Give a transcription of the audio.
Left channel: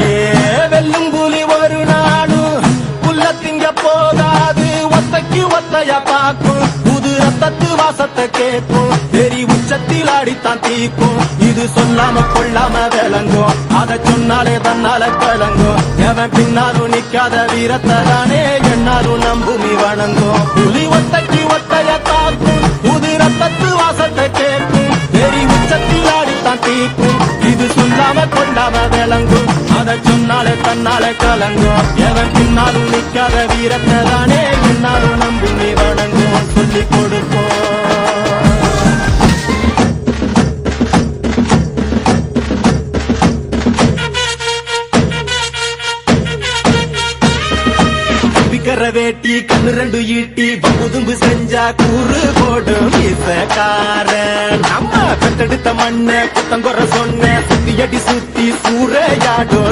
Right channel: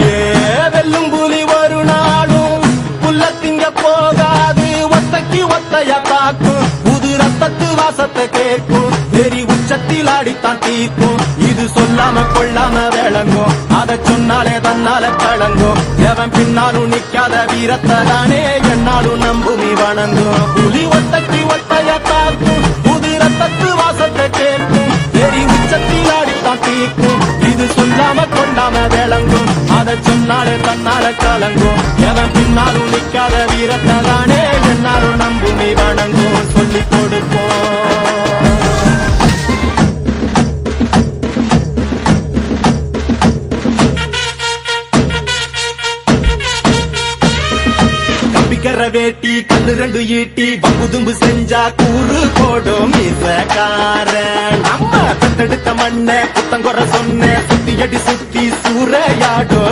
ஏ வெல்லும் புலி ஒரு நாளும் புல்ல திங்க போகாது, ஒத்தைக்கு ஒத்தைய காக்கும், புது ரத்தத்து வாசத்தை கேட்கும், வெறி உச்சத்தில் அடித்தான் தீக்கும். இது சொல்லாம கொள்ளாம விளங்கும், அதை சொன்னாலே தன்னால கலங்கும். எவன் பின்னாலும் நிக்காத வீரத்தை தானே என்னாலும் நம்புமி வணங்கும். புலி ஒத்தைக்கு ஒத்தைய காக்கும், புது ரத்தத்து வாசத்தை கேட்கும், வெறி உச்சத்தில் அடித்தான் தீக்கும். இது சொல்லாம கொண்டாம விளங்கும், அதை சொன்னாலே தன்னால கலங்கும். எவன் பின்னாலும் நிக்காத வீரத்தை தானே என்னாலும் நம்புமி வணங்கும். சொல்லிக் கொடுப்போம். வேட்டி கண்ணு ரெண்டு ஈட்டி பகுதும்பு செஞ்சா கூறு போடும் இசக்காரன். அம்மா பெத்தெடுத்த மண்ண புத்தங்குற சொன்ன சுத்தி அடி சுத்தி சூறையாடும்.